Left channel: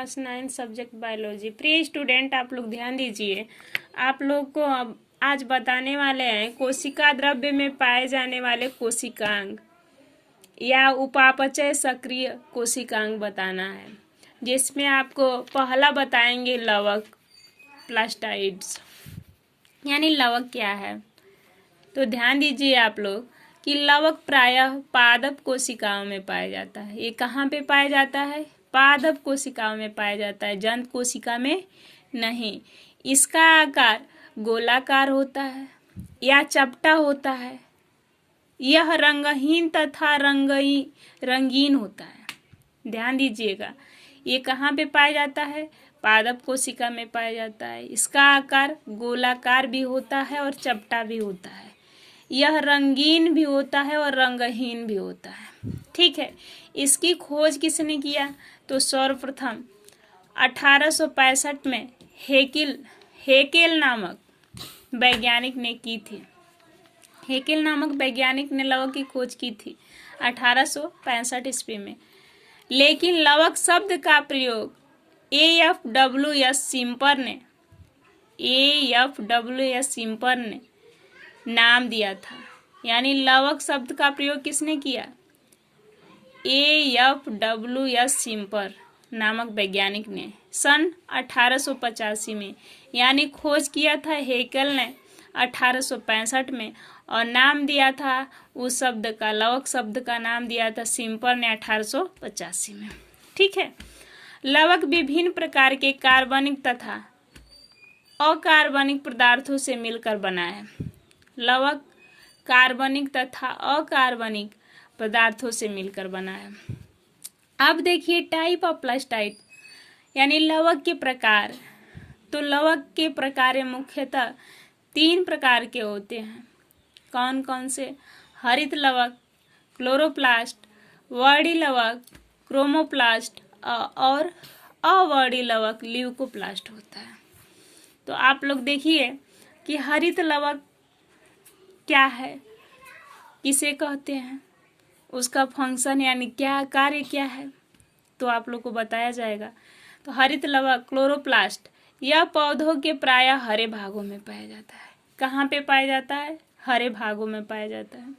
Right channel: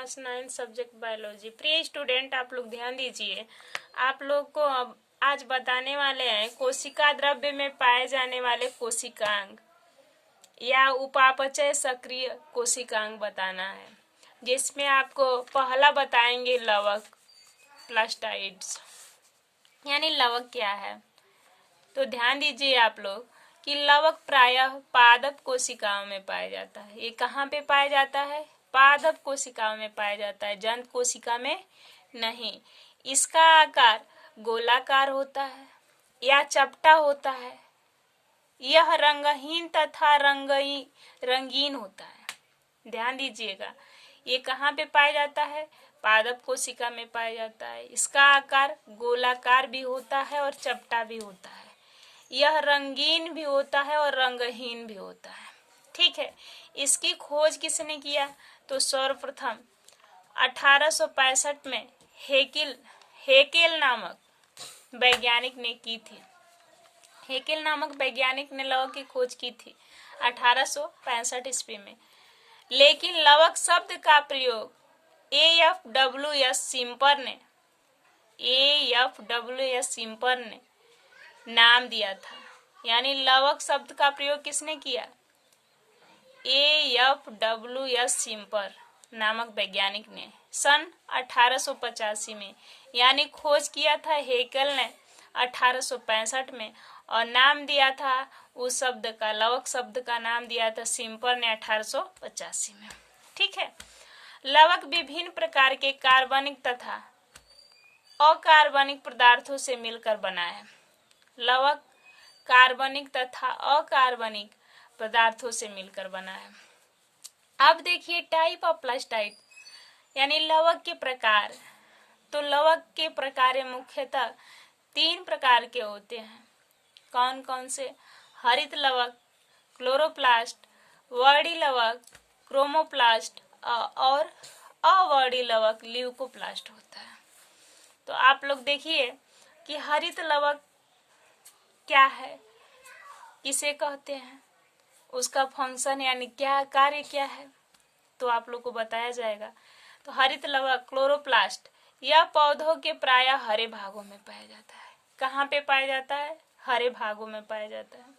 Class 9 subject biology. प्रिय student, आप लोग ध्यान दीजिए। आप लोग को अब आज बताने वाले हैं कोशिका द्रव्य में पाए जाने वाले कोशिकांग या उपापचय सक्रिय कोशिकांग बताना है, जिसमें आपको पहला बताएंगे लवक प्लास्टाइड्स, यानी लवक क्या है। तो ध्यान दीजिए आप लोग कि लवक प्रायः पादप कोशिकाओं में पाया जाता है। ये कहाँ पे पाया जाता है? पादप कोशिकाओं में पाया जाता है, जंत कोशिका में नहीं। इसका आकार गोलाकार होता है या चपटा होता है। यह रंगहीन तथा रंगीन होता है। ध्यान दीजिएगा, ये कहाँ पे पाया जाता है? पादप कोशिका में पाया जाता है। इसका आकार गोलाकार भी होता है और चपटा भी होता है। यह रंगीन भी होता है और रंगहीन भी होता है। ठीक है, इसकी खोज किसने किया? तो सर्वप्रथम 1865 में हेकेल नामक वैज्ञानिक ने की थी। हेकेल नामक वैज्ञानिक ने लवक की खोज की थी 1865 ईस्वी में। लेकिन लवक शब्द का प्रयोग AFWS सिम्पर ने नाम दिया था। यानी लवक शब्द का प्रयोग किसने किया? AFWS सिम्पर नामक वैज्ञानिक ने सन 1885 में, यानी खोज किया था हेकेल ने 1865 में, और नाम दिया था उस शब्द का, लवक शब्द का नाम दिया था सिम्पर ने 1885 में। ठीक है, लवक विभिन्न प्रकार के कार्बनिक तथा अकार्बनिक पदार्थों से मिलकर बना है। लवक कार्बनिक तथा अकार्बनिक पदार्थों से मिलकर बना है। अब देखिए टाइप ऑफ प्लास्टाइड, यानी लवक के प्रकार। तो लवक के प्रकार मुख्यतः 3 प्रकार के होते हैं। कौन कौन से? हरित लवक, क्लोरोप्लास्ट, वर्णी लवक, क्रोमोप्लास्ट, और अवर्णी लवक ल्यूकोप्लास्ट होता है। तो आप लोग देखिए कि हरित लवक क्या है, किसे कहते हैं, उसका फंक्शन यानी क्या कार्य क्या है, तो आप लोग को बताया जाएगा। तो हरित लवक क्लोरोप्लास्ट यह पौधों के प्रायः हरे भागों में पाया जाता है। कहाँ पे पाया जाता है? हरे भागों में पाया जाता है।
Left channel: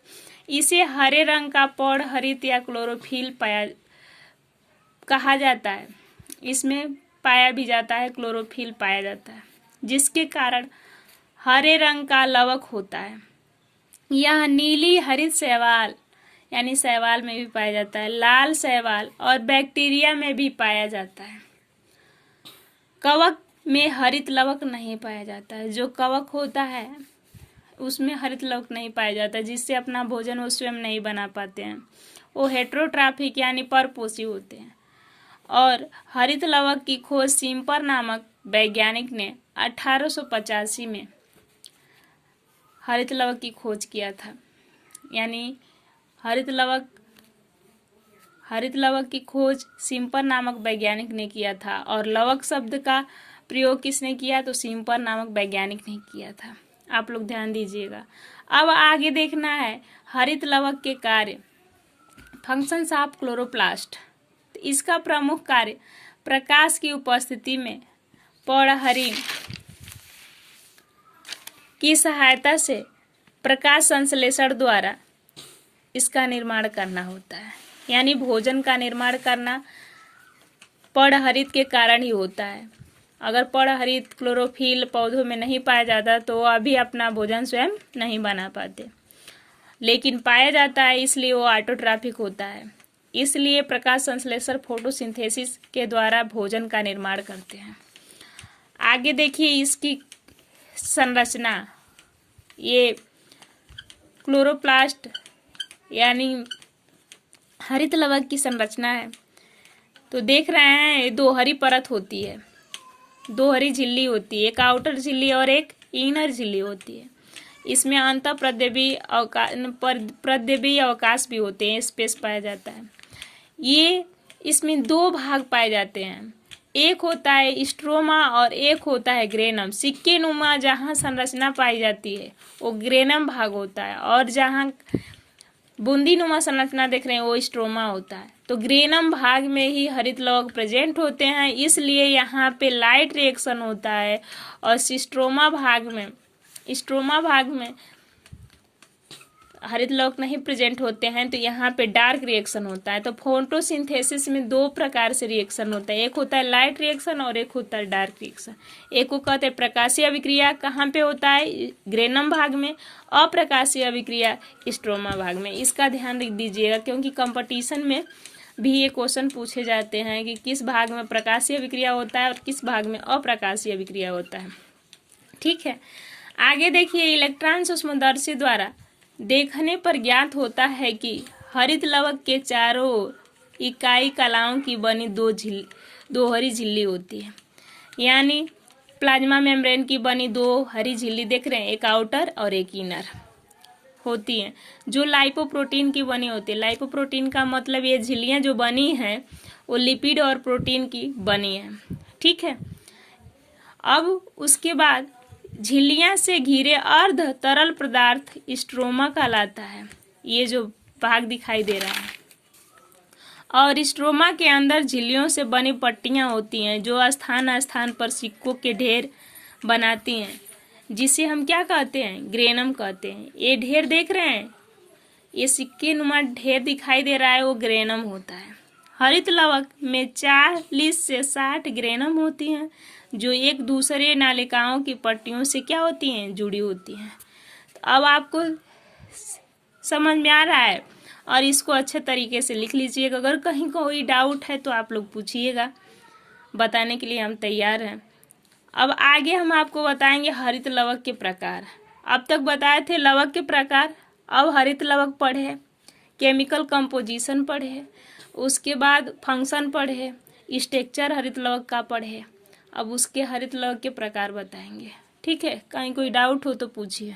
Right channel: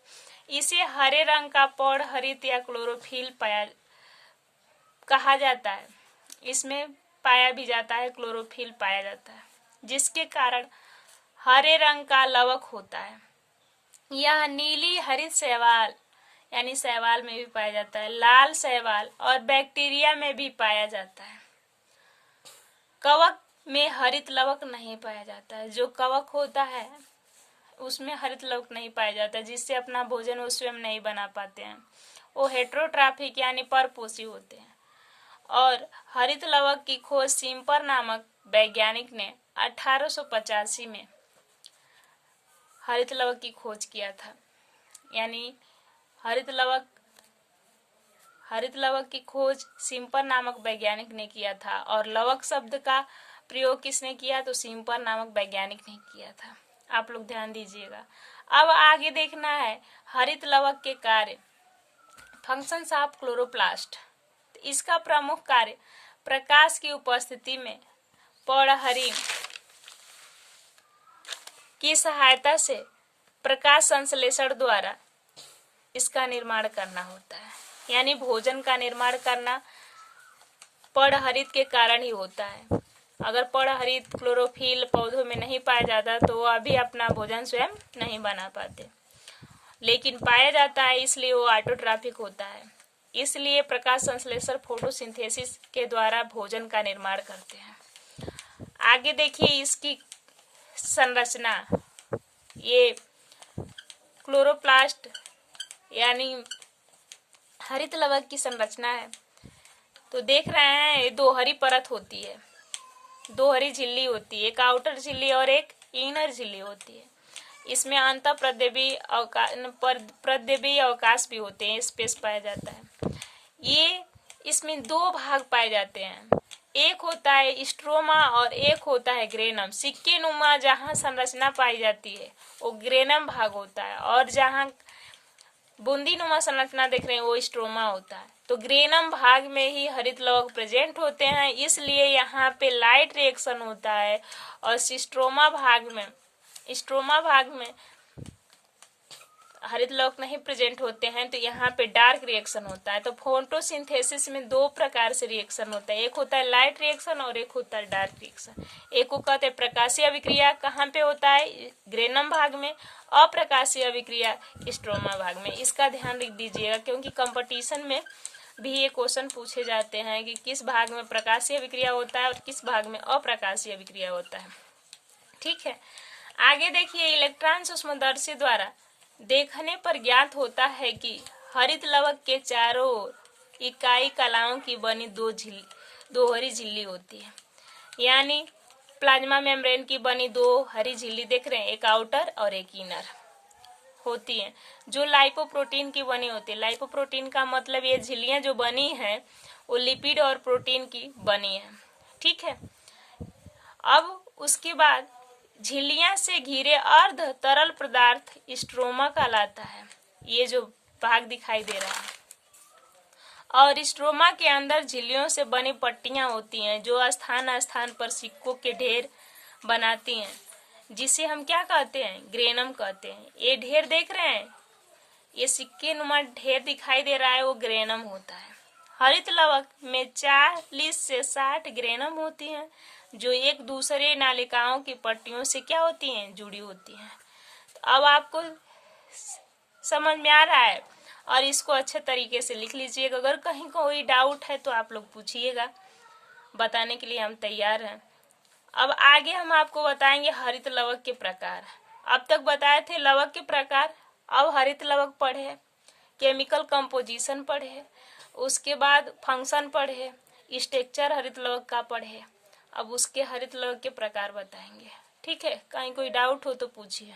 इसे हरे रंग का पौध हरित या क्लोरोफिल कहा जाता है। इसमें पाया भी जाता है, क्लोरोफिल पाया जाता है, जिसके कारण हरे रंग का लवक होता है। यह नीली हरित शैवाल, यानी शैवाल में भी पाया जाता है, लाल शैवाल और बैक्टीरिया में भी पाया जाता है। कवक में हरित लवक नहीं पाया जाता है। जो कवक होता है उसमें हरित लवक नहीं पाया जाता है, जिससे अपना भोजन वो स्वयं नहीं बना पाते हैं। वो हेट्रोट्राफिक यानी परपोषी होते हैं। और हरित लवक की खोज सिम्पर नामक वैज्ञानिक ने 1885 में हरित लवक की खोज किया था। यानी हरित लवक की खोज सिम्पर नामक वैज्ञानिक ने किया था, और लवक शब्द का प्रयोग किसने किया? तो सिम्पर नामक वैज्ञानिक ने किया था। आप लोग ध्यान दीजिएगा। अब आगे देखना है हरित लवक के कार्य, फंक्शंस ऑफ क्लोरोप्लास्ट। इसका प्रमुख कार्य प्रकाश की उपस्थिति में पौधहरित की सहायता से प्रकाश संश्लेषण द्वारा इसका निर्माण करना होता है। यानी भोजन का निर्माण करना पौधहरित के कारण ही होता है। अगर पौधहरित क्लोरोफिल पौधों में नहीं पाया जाता तो वो अभी अपना भोजन स्वयं नहीं बना पाते, लेकिन पाया जाता है, इसलिए वो ऑटोट्रॉफिक होता है। इसलिए प्रकाश संश्लेषण फोटोसिंथेसिस के द्वारा भोजन का निर्माण करते हैं। आगे देखिए इसकी संरचना। ये क्लोरोप्लास्ट यानी हरित लवक की संरचना है। तो देख रहे हैं, ये 2 हरी परत होती है, 2 हरी झिल्ली होती है, एक आउटर झिल्ली और एक इनर झिल्ली होती है। इसमें अंतः प्रद्यवीय अवकाश भी होते हैं, स्पेस पाया जाता है। ये इसमें 2 भाग पाए जाते हैं, एक होता है स्ट्रोमा और एक होता है ग्रेनम। सिक्के नुमा जहाँ संरचना पाई जाती है वो ग्रेनम भाग होता है, और जहाँ बूंदीनुमा संरचना देख रहे हैं वो स्ट्रोमा होता है। तो ग्रेनम भाग में ही हरित लवक प्रेजेंट होते हैं, इसलिए यहाँ पे लाइट रिएक्शन होता है। और स्ट्रोमा भाग में हरित लवक नहीं प्रेजेंट होते हैं, तो यहाँ पे डार्क रिएक्शन होता है। तो फोटोसिंथेसिस में दो प्रकार से रिएक्शन होता है, एक होता है लाइट रिएक्शन और एक होता है डार्क रिएक्शन। एक को कहते हैं प्रकाशीय अभिक्रिया, कहाँ पे होता है? ग्रेनम भाग में। अप्रकाशीय अभिक्रिया स्ट्रोमा भाग में। इसका ध्यान रख दीजिएगा, क्योंकि कंपटीशन में भी ये क्वेश्चन पूछे जाते हैं कि किस भाग में प्रकाशीय अभिक्रिया होता है और किस भाग में अप्रकाशीय अभिक्रिया होता है। ठीक है, आगे देखिए, इलेक्ट्रॉन सूक्ष्मदर्शी द्वारा देखने पर ज्ञात होता है कि हरित लवक के चारों ओर इकाई कलाओं की बनी दो हरी झिल्ली होती है। यानी प्लाज्मा मेम्ब्रेन की बनी दो हरी झिल्ली देख रहे हैं, एक आउटर और एक इनर होती है, जो लाइपोप्रोटीन की बनी होती है। लाइपोप्रोटीन का मतलब ये झिल्लियां जो बनी हैं वो लिपिड और प्रोटीन की बनी है। ठीक है, अब उसके बाद झिल्लियां से घिरे अर्ध तरल पदार्थ स्ट्रोमा कहलाता है। ये जो भाग दिखाई दे रहा है, और स्ट्रोमा के अंदर झिल्लियों से बनी पट्टियां होती हैं जो स्थान स्थान पर सिक्कों के ढेर बनाती हैं, जिसे हम क्या कहते हैं? ग्रेनम कहते हैं। ये ढेर देख रहे हैं, ये सिक्के नुमा ढेर दिखाई दे रहा है, वो ग्रेनम होता है। हरित लवक में 40 से 60 ग्रेनम होती हैं, जो एक दूसरे नालिकाओं की पट्टियों से क्या होती हैं? जुड़ी होती हैं। तो अब आपको समझ में आ रहा है, और इसको अच्छे तरीके से लिख लीजिएगा। अगर कहीं कोई डाउट है तो आप लोग पूछिएगा, बताने के लिए हम तैयार हैं। अब आगे हम आपको बताएंगे हरित लवक के प्रकार। अब तक बताए थे लवक के प्रकार, अब हरित लवक पढ़े, केमिकल कंपोजिशन पढ़े, उसके बाद फंक्शन पढ़े, स्ट्रक्चर हरित लवक का पढ़े। अब उसके हरित लवक के प्रकार बताएंगे। ठीक है, कहीं कोई डाउट हो तो पूछिए।